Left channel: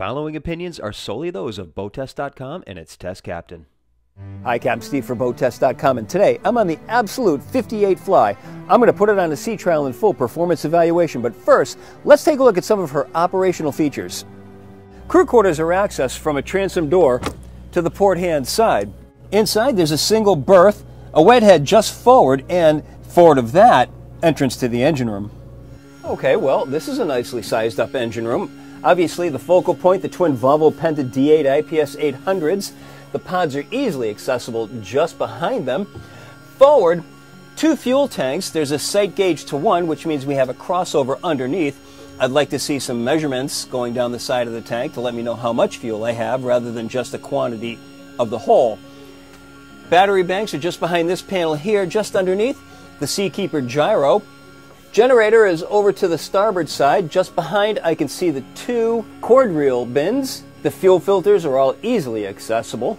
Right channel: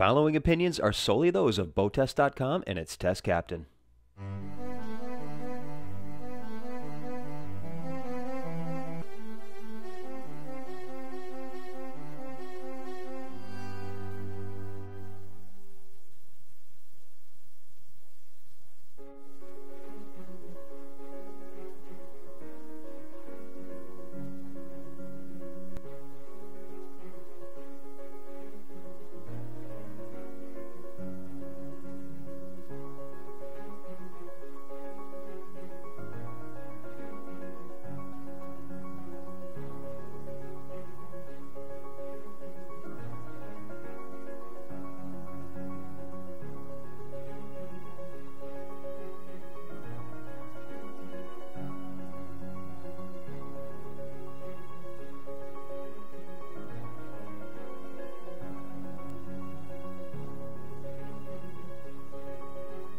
following opinions are solely those of BoatTEST.com and its test captain. Hi, Captain Steve for BoatTEST.com, and today I'm on the Absolute 58 Fly. I'm going to put it on a sea trial in full performance evaluation, but first, let's take a look at some of her operational features. Crew quarters are accessed from a transom door to the port hand side. Inside, there's a single berth, a wet head just forward, and forward of that, entrance to the engine room. Okay, well, this is a nicely sized up engine room. Obviously, the focal point, the twin Volvo Penta D8 IPS 800s. The pods are easily accessible just behind them. Forward, 2 fuel tanks. There's a sight gauge to 1, which means we have a crossover underneath. I'd like to see some measurements going down the side of the tank to let me know how much fuel I have rather than just the quantity of the whole. Battery banks are just behind this panel here, just underneath. The Seakeeper gyro. Generator is over to the starboard side. Just behind, I can see the 2 cord reel bins. The fuel filters are all easily accessible.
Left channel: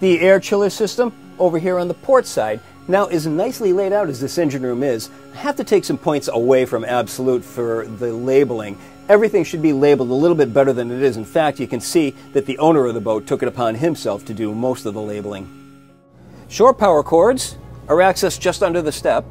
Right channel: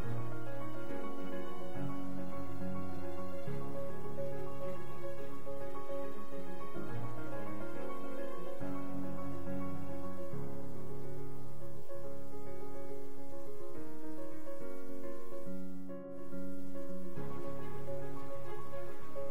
The air chiller system over here on the port side. Now, as nicely laid out as this engine room is, I have to take some points away from Absolute for the labeling. Everything should be labeled a little bit better than it is. In fact, you can see that the owner of the boat took it upon himself to do most of the labeling. Shore power cords are accessed just under the step.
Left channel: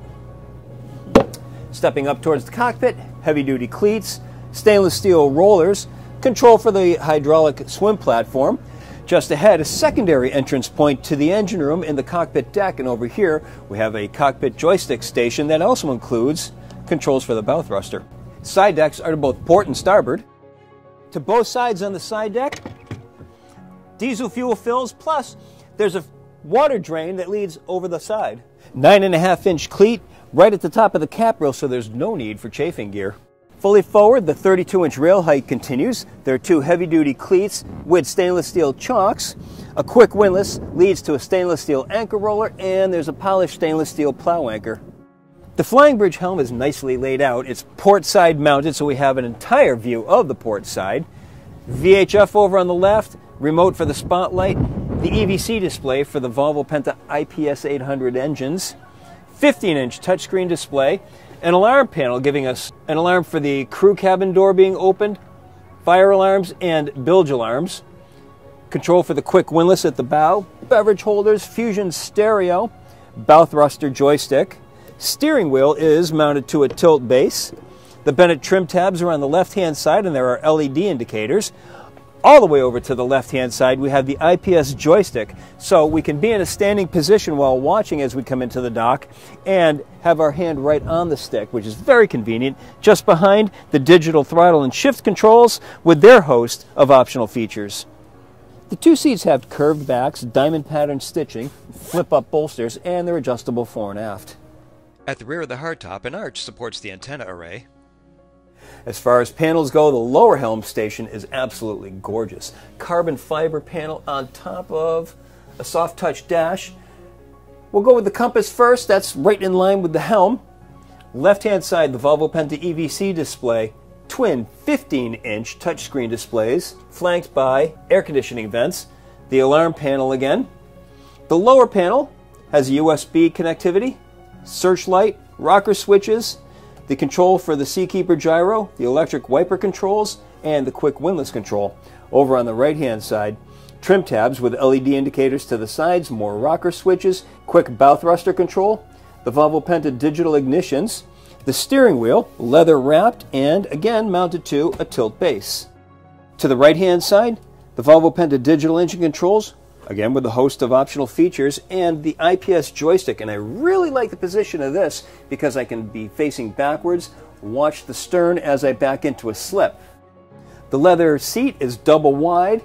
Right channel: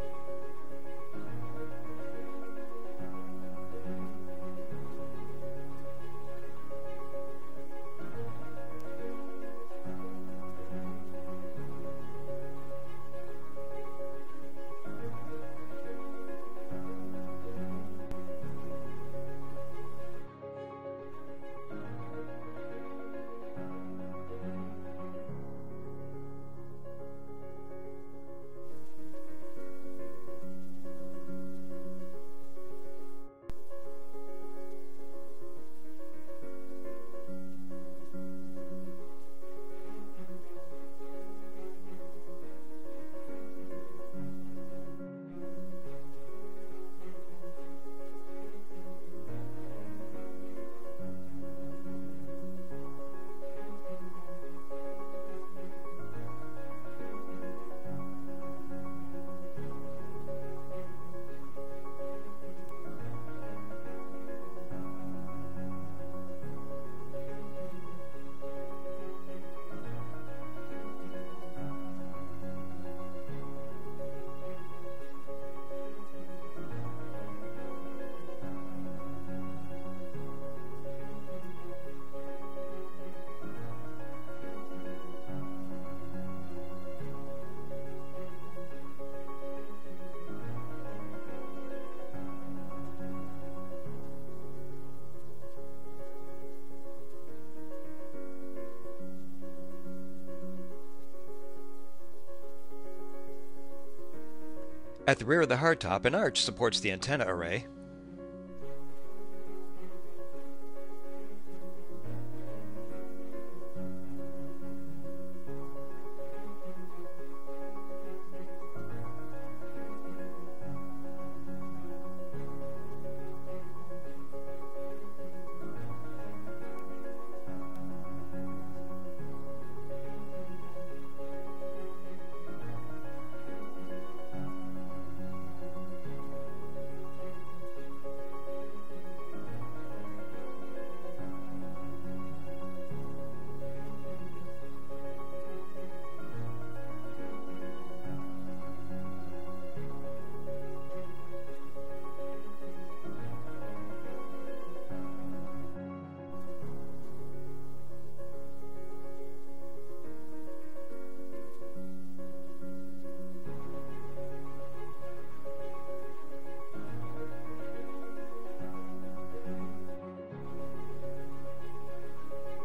Stepping up towards the cockpit, heavy-duty cleats, stainless steel rollers, control for the hydraulic swim platform. Just ahead, a secondary entrance point to the engine room in the cockpit deck, and over here we have a cockpit joystick station that also includes controls for the bow thruster. Side decks are to both port and starboard. To both sides on the side deck, diesel fuel fills, plus there's a water drain that leads over the side. 9.5-inch cleat right at the top of the cap rail, so there's no need for chafing gear. Fully forward, the 32-inch rail height continues. There are 2 heavy-duty cleats with stainless steel chocks. A quick windlass leads to a stainless steel anchor roller, and there's a polished stainless steel plow anchor. The flying bridge helm is nicely laid out. It's port side mounted, so we have an entire view of the port side. VHF over on the left, remote for the spotlight, the EVC display for the Volvo Penta IPS 800 engines, 15-inch touchscreen display, an alarm panel giving us an alarm for the crew cabin door being opened, fire alarms and bilge alarms, control for the quick windlass at the bow, beverage holders, fusion stereo, bow thruster joystick. Steering wheel is mounted to a tilt base. The Bennett trim tabs are on the left-hand side, and there are LED indicators. All the way over to the left-hand side, we have the IPS joystick, so we can be in a standing position while watching as we come into the dock and have our hand right on the stick, which is very convenient, just behind the digital throttle and shift controls with their host of optional features. The 2 seats have curved backs, diamond pattern stitching, flip-up bolsters, and they're adjustable fore and aft. At the rear of the hardtop, an arch supports the antenna array. As far as panels go, the lower helm station is absolutely gorgeous. Carbon fiber panel on top of a soft touch dash. We'll go with the compass first. That's right in line with the helm. Left-hand side, the Volvo Penta EVC display. Twin 15-inch touchscreen displays, flanked by air conditioning vents. The alarm panel again. The lower panel has USB connectivity, searchlight, rocker switches, the control for the Seakeeper gyro, the electric wiper controls, and the quick windlass control. Over on the right-hand side, trim tabs with LED indicators to the sides, more rocker switches, quick bow thruster control, the Volvo Penta digital ignitions, the steering wheel, leather wrapped, and again mounted to a tilt base. To the right-hand side, the Volvo Penta digital engine controls, again with a host of optional features, and the IPS joystick. And I really like the position of this because I can be facing backwards, watch the stern as I back into a slip. The leather seat is double wide,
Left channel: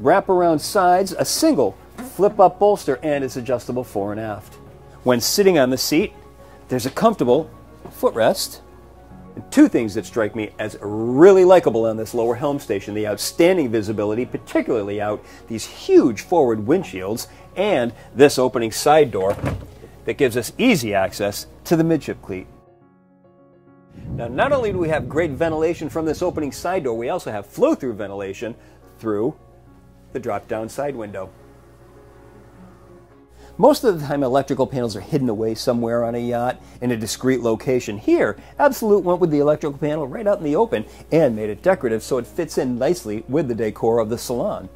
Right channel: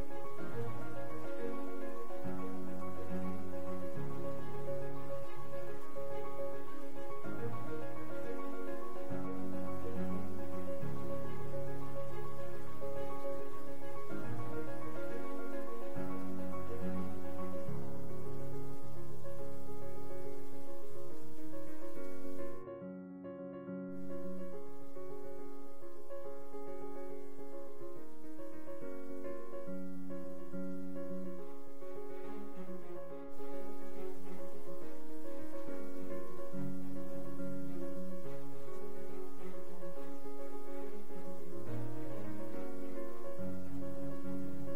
wrap around sides, a single flip-up bolster, and it's adjustable fore and aft. When sitting on the seat, there's a comfortable footrest. And 2 things that strike me as really likable on this lower helm station: the outstanding visibility, particularly out these huge forward windshields, and this opening side door that gives us easy access to the midship cleat. Now, not only do we have great ventilation from this opening side door, we also have flow-through ventilation through the drop-down side window. Most of the time, electrical panels are hidden away somewhere on a yacht in a discreet location. Here, Absolute went with the electrical panel right out in the open and made it decorative so it fits in nicely with the decor of the salon.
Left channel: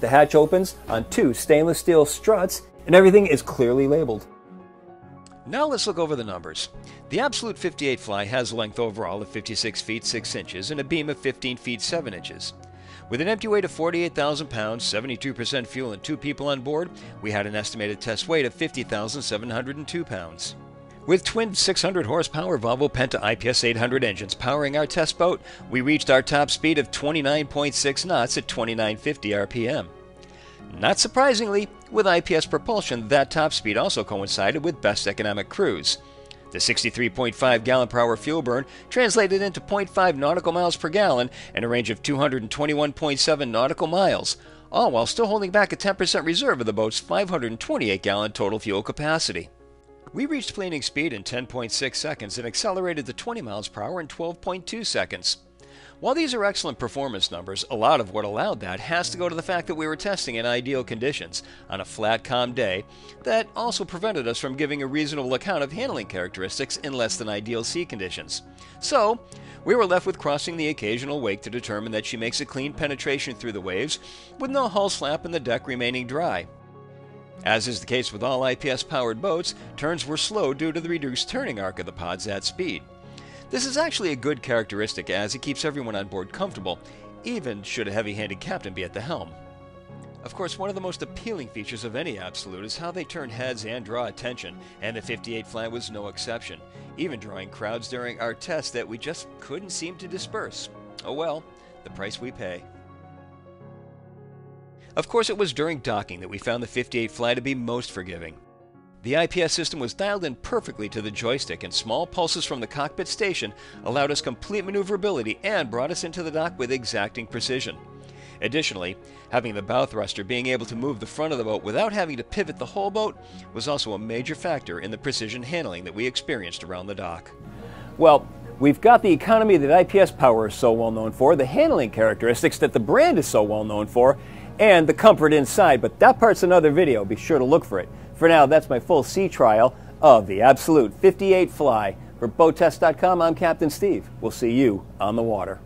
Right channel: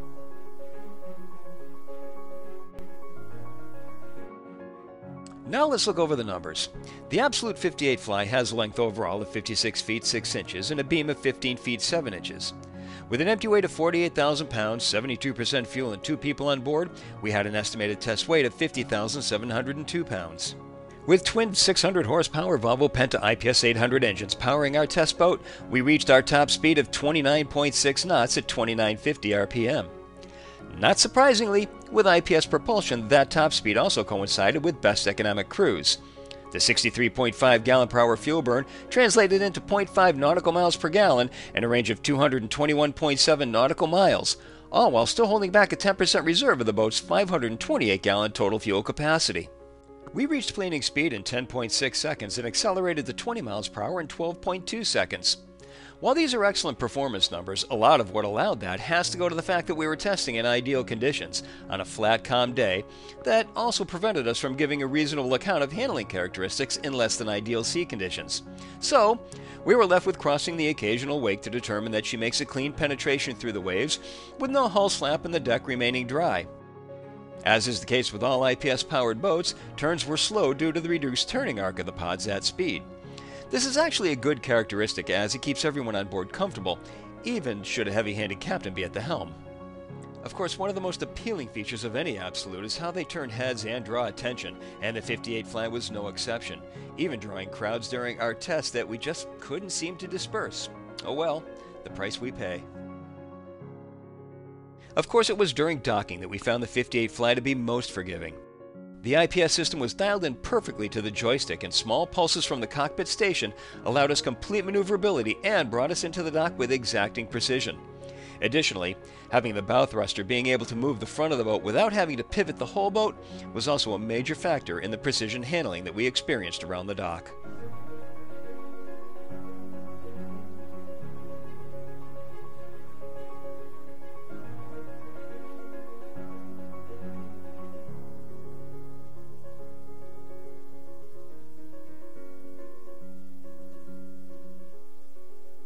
The hatch opens on 2 stainless steel struts, and everything is clearly labeled. Now let's look over the numbers. The Absolute 58 Fly has a length overall of 56 feet 6 inches and a beam of 15 feet 7 inches. With an empty weight of 48,000 pounds, 72% fuel, and 2 people on board, we had an estimated test weight of 50,702 pounds. With twin 600 horsepower Volvo Penta IPS 800 engines powering our test boat, we reached our top speed of 29.6 knots at 2950 RPM. Not surprisingly, with IPS propulsion, that top speed also coincided with best economic cruise. The 63.5 gallon per hour fuel burn translated into 0.5 nautical miles per gallon and a range of 221.7 nautical miles, all while still holding back a 10% reserve of the boat's 528 gallon total fuel capacity. We reached planing speed in 10.6 seconds and accelerated to 20 miles per hour in 12.2 seconds. While these are excellent performance numbers, a lot of what allowed that has to go to the fact that we were testing in ideal conditions on a flat, calm day that also prevented us from giving a reasonable account of handling characteristics in less than ideal sea conditions. So, we were left with crossing the occasional wake to determine that she makes a clean penetration through the waves, with no hull slap and the deck remaining dry. As is the case with all IPS-powered boats, turns were slow due to the reduced turning arc of the pods at speed. This is actually a good characteristic as it keeps everyone on board comfortable, even should a heavy-handed captain be at the helm. Of course, one of the most appealing features of any Absolute is how they turn heads and draw attention, and the 58 Fly was no exception, even drawing crowds during our test that we just couldn't seem to disperse. Oh well, the price we pay. Of course, it was during docking that we found the 58 Fly to be most forgiving. The IPS system was dialed in perfectly to the joystick, and small pulses from the cockpit station allowed us complete maneuverability and brought us into the dock with exacting precision. Additionally, having the bow thruster being able to move the front of the boat without having to pivot the whole boat was also a major factor in the precision handling that we experienced around the dock. Well, we've got the economy that IPS Power is so well known for, the handling characteristics that the brand is so well known for, and the comfort inside, but that part's another video. Be sure to look for it. For now, that's my full sea trial of the Absolute 58 Fly. For BoatTEST.com, I'm Captain Steve. We'll see you on the water.